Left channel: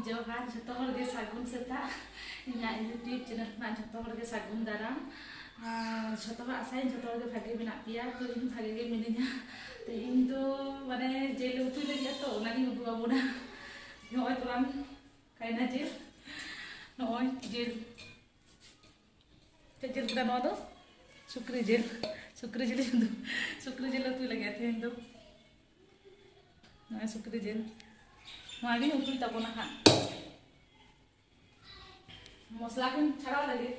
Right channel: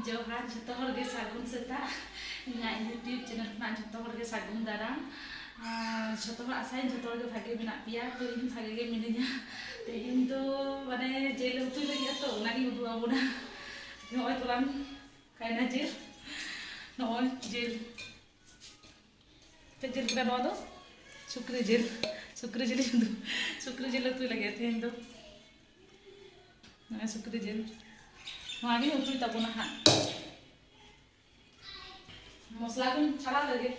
Johan, jatuh harga sagun seta, ingat YouTube channel man jatuh harga sagun darang. Jatuh asal jatuh harga bagi benak pia, tu ini bagi ke minanya. Tehin tu mana jelo tu lagi atau nagi udu abuna. Noi tulang kain jil, noi jil. Kecil kita bawa tu, sukri jil itu, sukri jil tu lagi tehin tu. Nah sukri jil. Lagi utuh tak pernah hak. Masala kan cara lagi.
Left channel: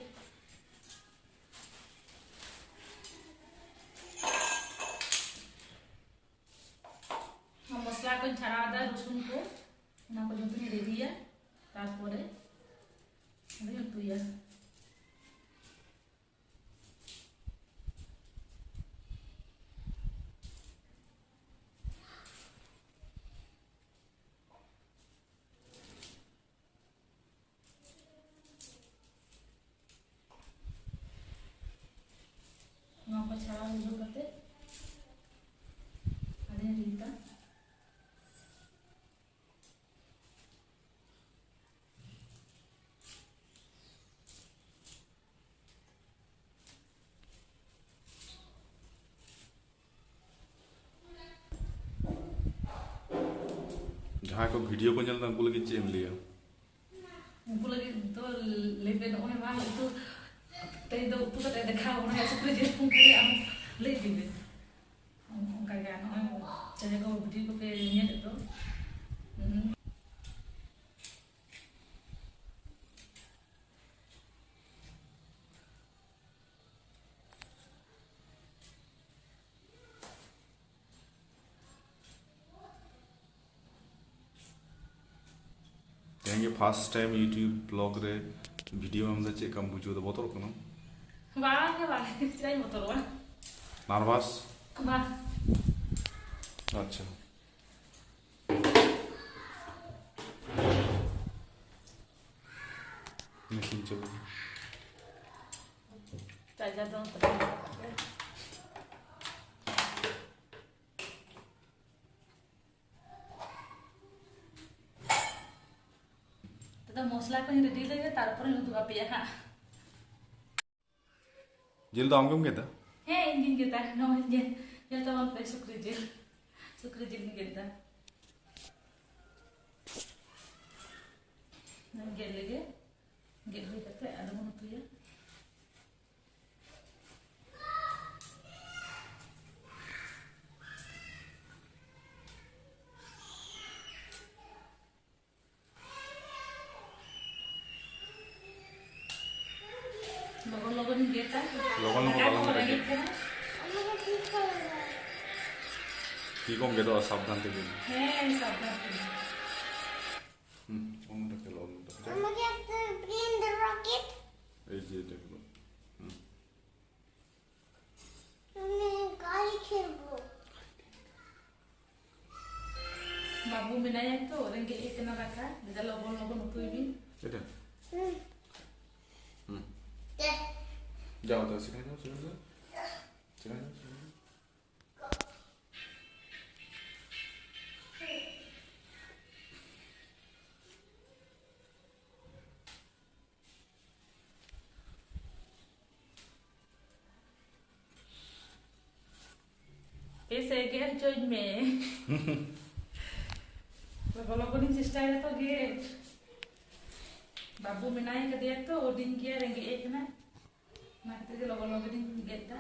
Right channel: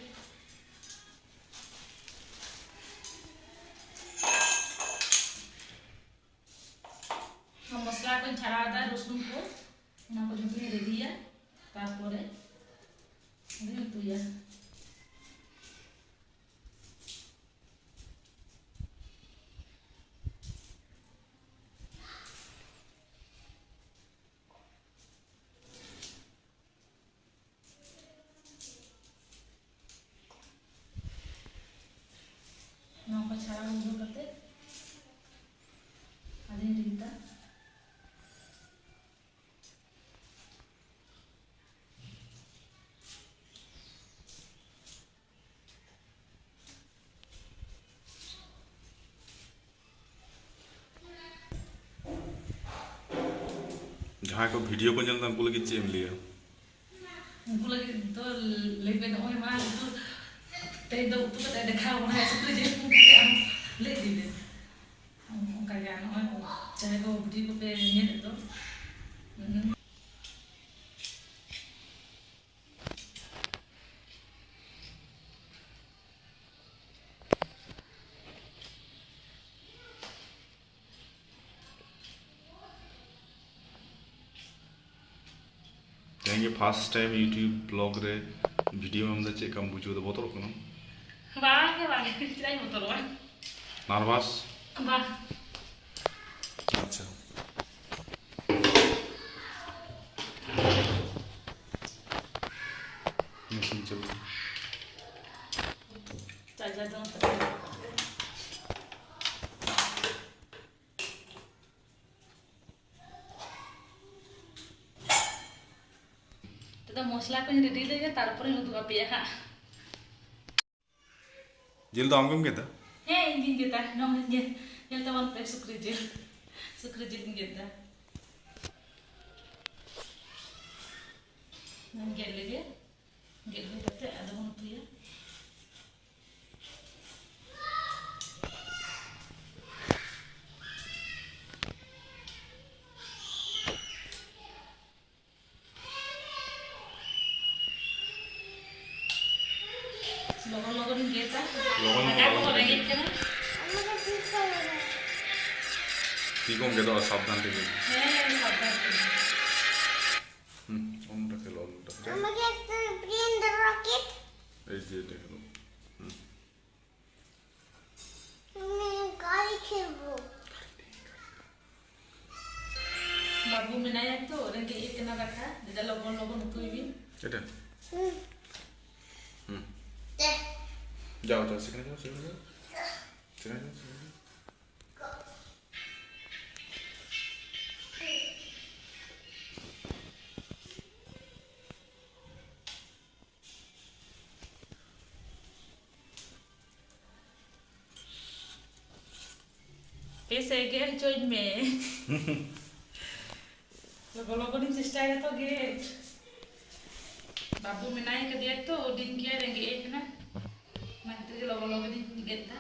Masala kan cara ada rusun ko. Nak ko juntunya ready ya. Tarpore. Ini utuh ya. Ngapa cara udah kate? Ada yang cerita? जहाँ को video को चलता उनको लगी चेम लिया उनको लगी तो लेकिन ओए मां तो teh do tu kata ada kau nak seperti je pun kaya am leh di deh. Kaya anu cahaya kau budi kau pe nyet itu. ये फर्स्ट टाइम यूट्यूब ब्लॉग रे वीडियो में हमने चेक हम बुझो तो बहुत रोको ना Bang, cerai motor bang. नार्वस Bang. अच्छा मशीन चल Caca dong terus. Kita mosla ko yung ready lagi, tarapor yung untuk api ya kak. Jail तो हमको क्या था Ingin kita, no, yang tawan pe sukri jil ingin kita. Nan gel lagi, gel lagi tapi ada mana tu ya? Logo kita. Lagi kan? ठीक होंगे तो सावधान थे Sabar. उन रखे लो उन रखे Mama get bring the rocket. ऐसे देख लो Kali खेलबो. Babu minaya tu, orang ke kena raka, dia logo nutu ini. चले Deh. जाओ जाओ सीखने जाओ सीखने जाओ सीखने जाओ सीखने जाओ Pese gate join me. Logo ni cesta itu gate. Babu minaya ke dia tu, din kia orang ke kena. Mak kita logo ni gate ta.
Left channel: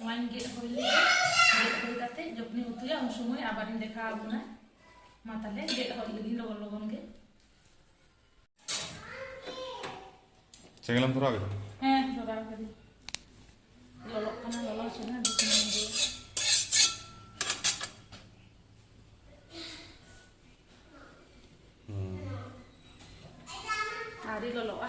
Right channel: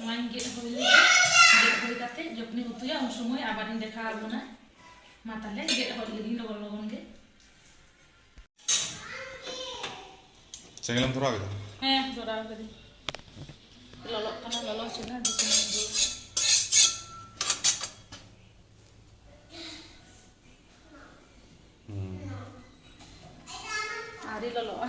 Main gate hol kate jopni utu ya un sumoy abarin dekha abuna matale gate hol lagi logon ge सिंगलम थोड़ा आगे था thora kadi lolok kana lolok sina di sini dulu hari lolok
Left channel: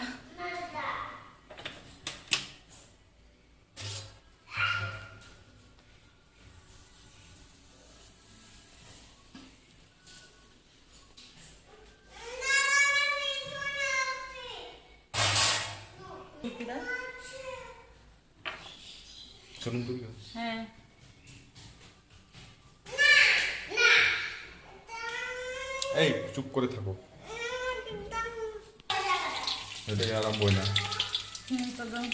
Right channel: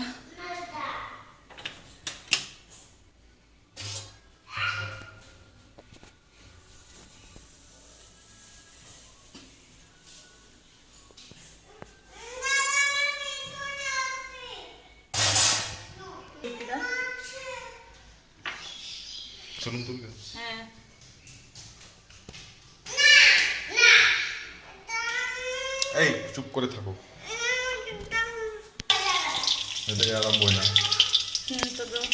ᱠᱮᱫᱟ ᱥᱩᱱᱩᱢ ᱫᱩᱞ ᱠᱮᱫᱟ ᱦᱮᱸ এই চুপ করে থাকো এটাকে আরম্ভ না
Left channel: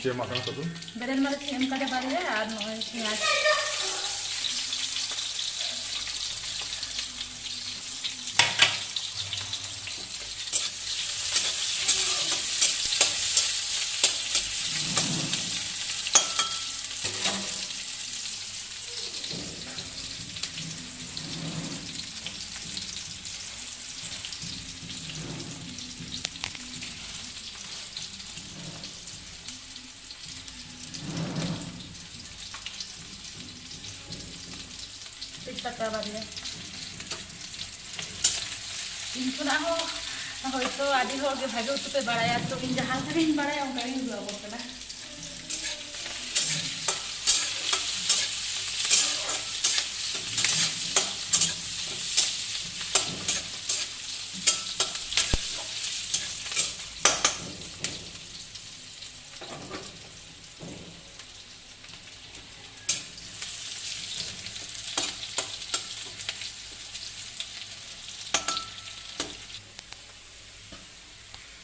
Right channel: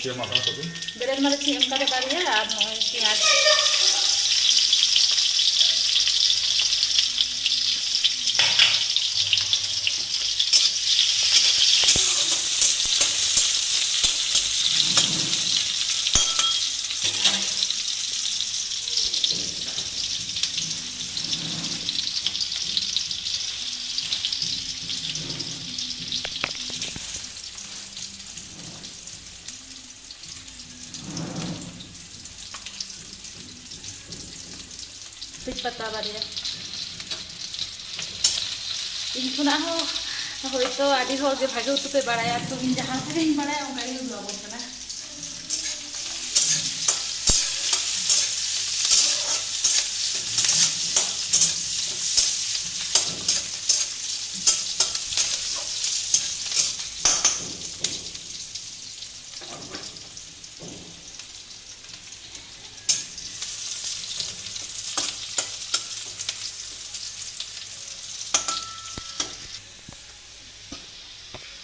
কে মাখানো তো বেরেক না বেশি এম করে দাঁড়িয়ে আর নয় পেঁয়াজ তেজপাতা বাড়িয়ে ᱤᱧ ᱠᱷᱚᱱᱟᱜ ᱦᱚᱸ ᱦᱚᱭᱛᱳ ᱟᱹᱰᱤ ᱦᱚᱲᱜᱮ ᱵᱷᱟᱜᱮ ᱩᱛᱩ ᱯᱮ ᱵᱟᱲᱟᱭᱟ ᱛᱚ ᱤᱧ ᱡᱟᱦᱟᱸ ᱞᱮᱠᱟᱧ ᱵᱟᱲᱟᱭᱟ ᱚᱱᱠᱟᱜᱤᱧ ᱞᱟᱹᱭᱟᱵᱚᱱ ᱠᱟᱱᱟ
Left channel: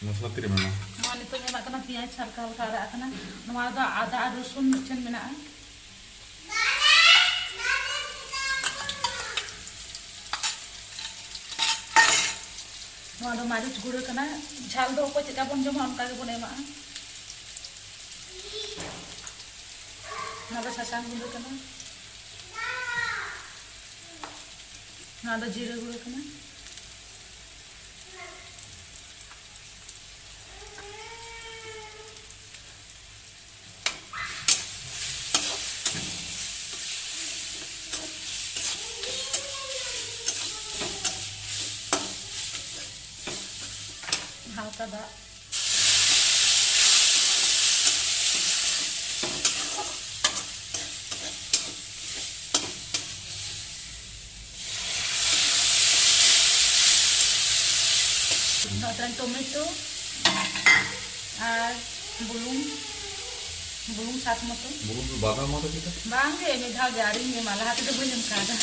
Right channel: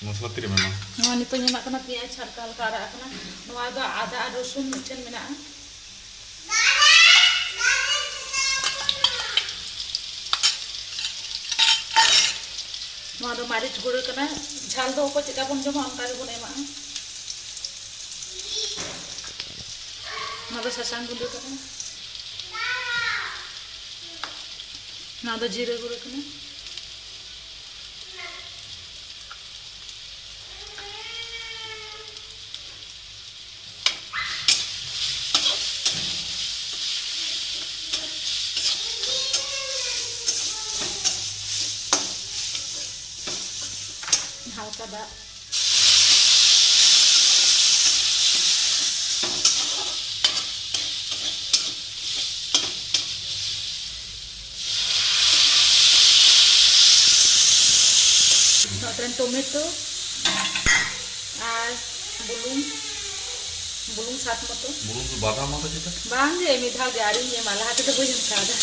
মশলা তিরে মেমা ᱱᱚᱣᱟ ᱱᱤᱛᱚᱜ ᱧᱮᱞᱚᱜ ᱠᱟᱱᱟ ᱯᱮᱸᱭᱟᱡᱽ ᱦᱟᱞᱠᱟ ᱦᱟᱞᱠᱟ ᱟᱨᱟᱜ ᱠᱟᱱᱟ ᱱᱚᱣᱟ ᱫᱚ ᱟᱫᱟ ᱟᱨ ᱨᱚᱥᱩᱱ ᱢᱤᱫᱴᱷᱮᱱ ᱢᱮᱱᱟᱜᱼᱟ ᱱᱚᱣᱟ ᱫᱚ ᱢᱟᱹᱨᱤᱪ ᱜᱩᱸᱰᱟᱹ ᱠᱟᱱᱟ ঝাল ᱫᱚ ᱚᱠᱚᱭ ᱪᱮᱫᱠᱟ ᱵᱚᱱ ᱡᱚᱢᱟ ᱚᱱᱠᱟ ᱜᱮᱵᱚᱱ ᱮᱢᱟᱜᱼᱟ ᱱᱚᱣᱟ ᱫᱚ ᱥᱟᱥᱟᱝ ᱜᱩᱸᱰᱟᱹ ᱠᱟᱱᱟ ᱱᱚᱣᱟ ᱫᱚ ᱡᱤᱨᱟᱹ ᱜᱩᱸᱰᱟᱹ ᱠᱟᱱᱟ হালকা দাগ টমেটো আর বুলুং স্বাদ মতো বুলুন বাদাম মতো যেটা bang deh ini dah gari nih malah hati tuh gue yang kada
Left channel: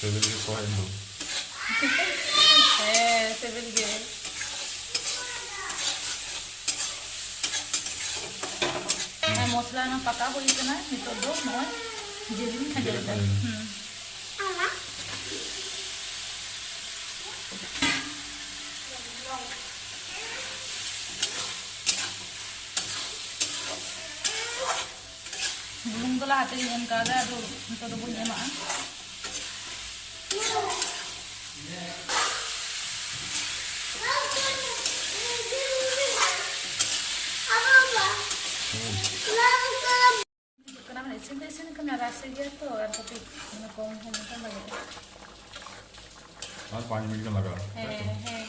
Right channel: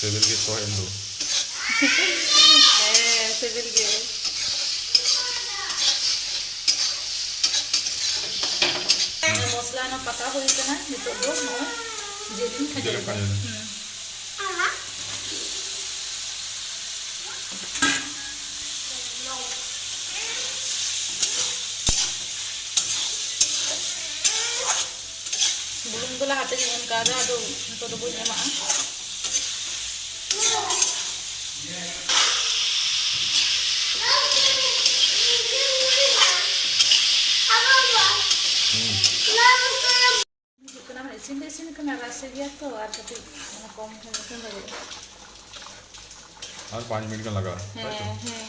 সেভেল কে সহ এন্ডো civil gue mosla na pata huई kana nito do mo jelin Jelin khaja khaja. Mama. bulung do la hate ngon kada do nito do boy ema karena isin kena rasa dia tuh R tapi mana কম খালি তো লাগে আর 5 minute লাগা হ্যাঁ হ্যাঁ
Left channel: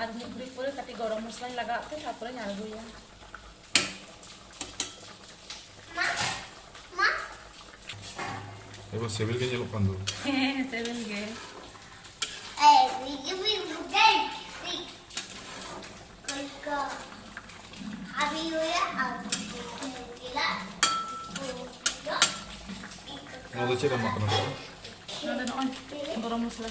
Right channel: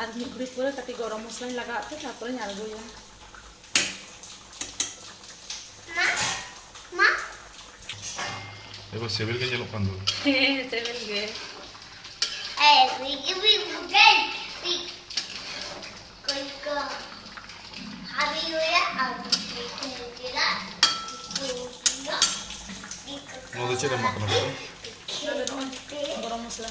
আর mix করে কাটি গরম মশলা লাগাতে তারপরে নাড়বো Ma. এবার সেভেল কে যেলো কান্দো হ্যাঁ seven gay Hey, we give me break. We go. Have you নদে চেরা মাখানো তো গরম মশলা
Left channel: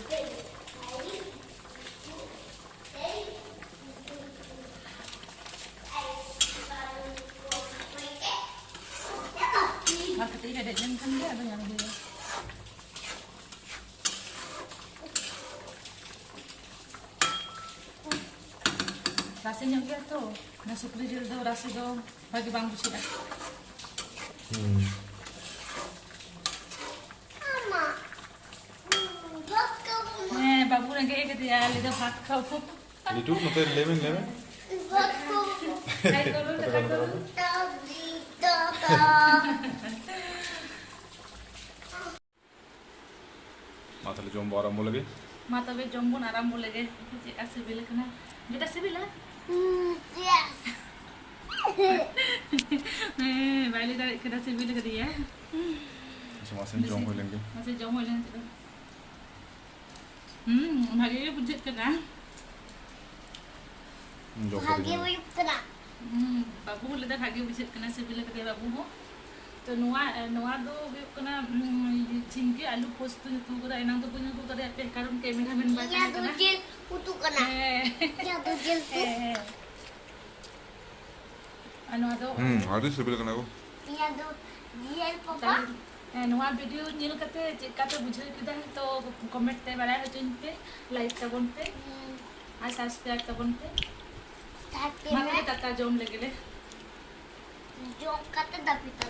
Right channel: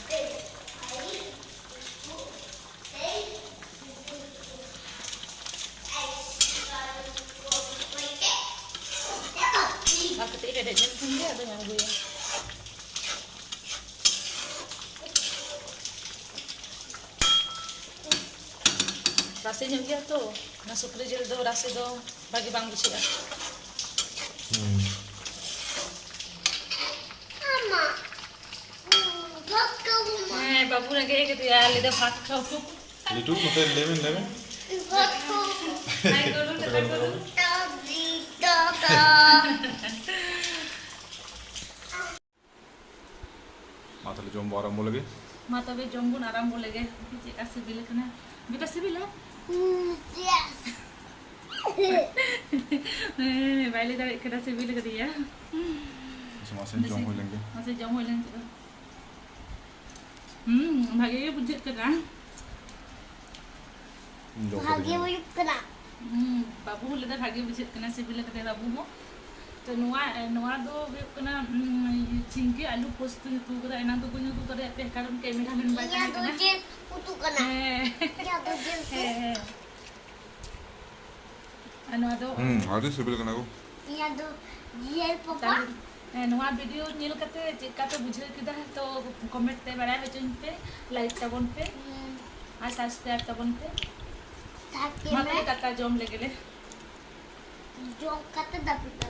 Waktu itu ada jam tinggi apa yang gue rasanya nyengkel tuh masuk di jil tuh rasa tuh bagi bang busi ya Mama. babu lagi gitu ya lidah ভাত খাও খুব লিটু মতে লেবেন Hai dulu depan dulu মাথালে জম্বো আরম্ভ লাগে mata be jombon aram boleh ge kasih bilik kena beda sih bilik Yes. बाइले का केरा सिबिल करिया मासे जम हो लेंगे मासे जम हो लेंगे भागे के बुझे करा जो भाग्य करेंगे में करा बाबू लेदा भागे बुझे कना सिबिल करे बाबू हो तो नोआ दो कना चिंके आलू पोस्त तू करा एना तो पुन्य तू करे पे कारण कैमरा में बाय या कना तो जेल उतु कना या तो जेल नोआ दो आदि सिबिल करना को या तो जेल पापा नोआ वीडियो नेल कते चेका पे बुझे किदा तो कमेंट ते बड़ा होचन पे लाइक तबन पे आ सब्सक्राइब तबन पे ताकि माते काका जोम लगेले जो कते दबिता